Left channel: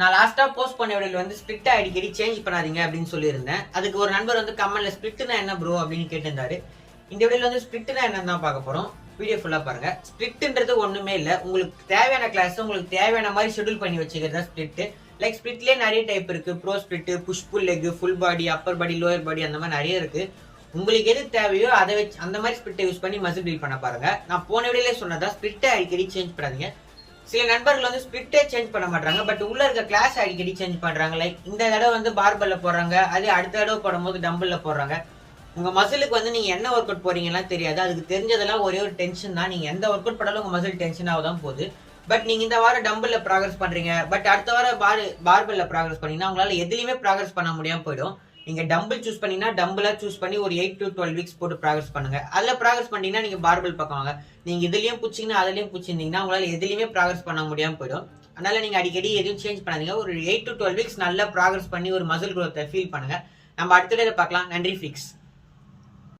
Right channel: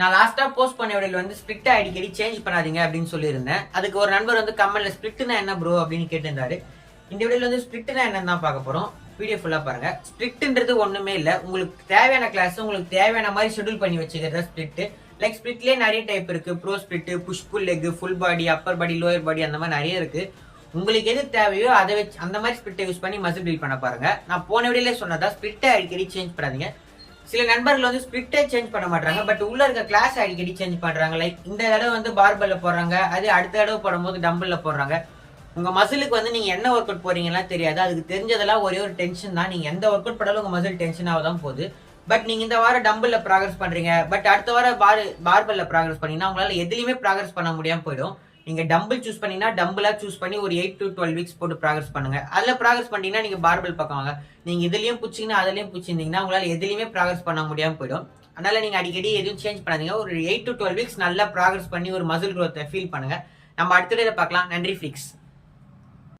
நான் லாஸ்டா போஸ்ட் பண்ண வீடியோல வந்து ஸ்பிளிட் அடிக்கடி சேஞ்ச் பண்ணாதீங்க அப்படின்னு சொல்லியிருந்தேன். அதுக்கு ஒரு நண்பர் வந்து கமெண்ட்ல ஸ்பிளிட்னா என்ன ப்ரோ அப்படின்னு கேட்டிருந்தாரு. இந்த வீடியோல வந்து ஸ்பிளிட்னா என்னன்னு தான் பார்க்க போறோம். வீடியோ ஃபுல்லா பாருங்க. ஸ்பிளிட்ன்றது ஒண்ணுமே இல்ல. உங்களுக்கு தேவையான கிளாஸ் உங்களுக்கு தேவையான மாதிரி ஷெட்யூல் பண்ணி வச்சுக்கிறதா ஸ்பிளிட். லைக் ஸ்பிளிட்லயே நிறைய டைப் இருக்கு. Bro split, push pull leg, full body, upper body, lower body அந்த மாதிரி நிறைய இருக்கு. உங்களுக்கு எது தேவையோ அதை வச்சு அந்த மாதிரி ஸ்பிளிட்டை யூஸ் பண்ணி மசில் பில்ட் பண்ண பாருங்க. நான் போன வீடியோல சொன்னதா ஸ்பிளிட்டை அடிக்கடி சேஞ்ச் பண்ணாதீங்க. சில நண்பர்கள் வந்து ஸ்பிளிட்டே சேஞ்ச் பண்ண மாட்டாங்க. பட் உள்ள இருக்க கிளாஸ் அடிக்கடி சேஞ்ச் பண்றாங்க. லைக் இந்த தடவை வந்து பார்பல்ல போடுறாங்க, அதே அடுத்த தடவை போடும்போது டம்பிள்ல போடுறாங்க. உங்க மசிலுக்கு வந்து நீங்க என்ன ஒர்க் அவுட் போறீங்கன்னா தெரியாது. அதுக்கு தெரிஞ்சதெல்லாம் ஒரே ஒரு டென்ஷன் தான். நீங்க எந்த ஒர்க் அவுட் பண்ணாலும் உங்க மசில் டென்ஷன் ஆகதான் போகுது. பட் நீங்க இந்த வாரம் டம்பிள்ல ப்ராக்ரஸ் பண்றீங்க, பட் அடுத்த வாரம் பார்பல்ல ப்ராக்ரஸ் பண்ணீங்கன்னா உங்களால எதுலையுமே ப்ராக்ரஸ் பண்ண முடியாம போயிடும். நீங்க டம்பிள் சூஸ் பண்ணீங்கன்னா டம்பிளா சூஸ் பண்ணி ஒரு 8 to 12 வீக்ஸ் போட்டு ப்ராக்ரஸ் பண்ணுங்க. அதுல ப்ராக்ரஸ் பண்ணீங்கன்னா நீங்க பார்பல் பக்கம் வாங்க. நீங்க இதுலயும் புடிச்சீங்கன்னா அதுலயும் புடிச்சிருந்தீங்கன்னா உங்களால எதுலையுமே ப்ராக்ரஸ் பண்ண முடியாம போயிடும். அதனால நீங்க அடிக்கடி எதுவும் சேஞ்ச் பண்ணாதீங்க. ஒரு 8 to 12 வீக்ஸ் நல்லா ப்ராக்ரஸ் பண்ணி ஒரு மசில் growth ஃபீல் பண்ணுங்க. நம்ம அடுத்த வீடியோல பார்க்கலாம். நன்றி ஃபிளிக்ஸ்.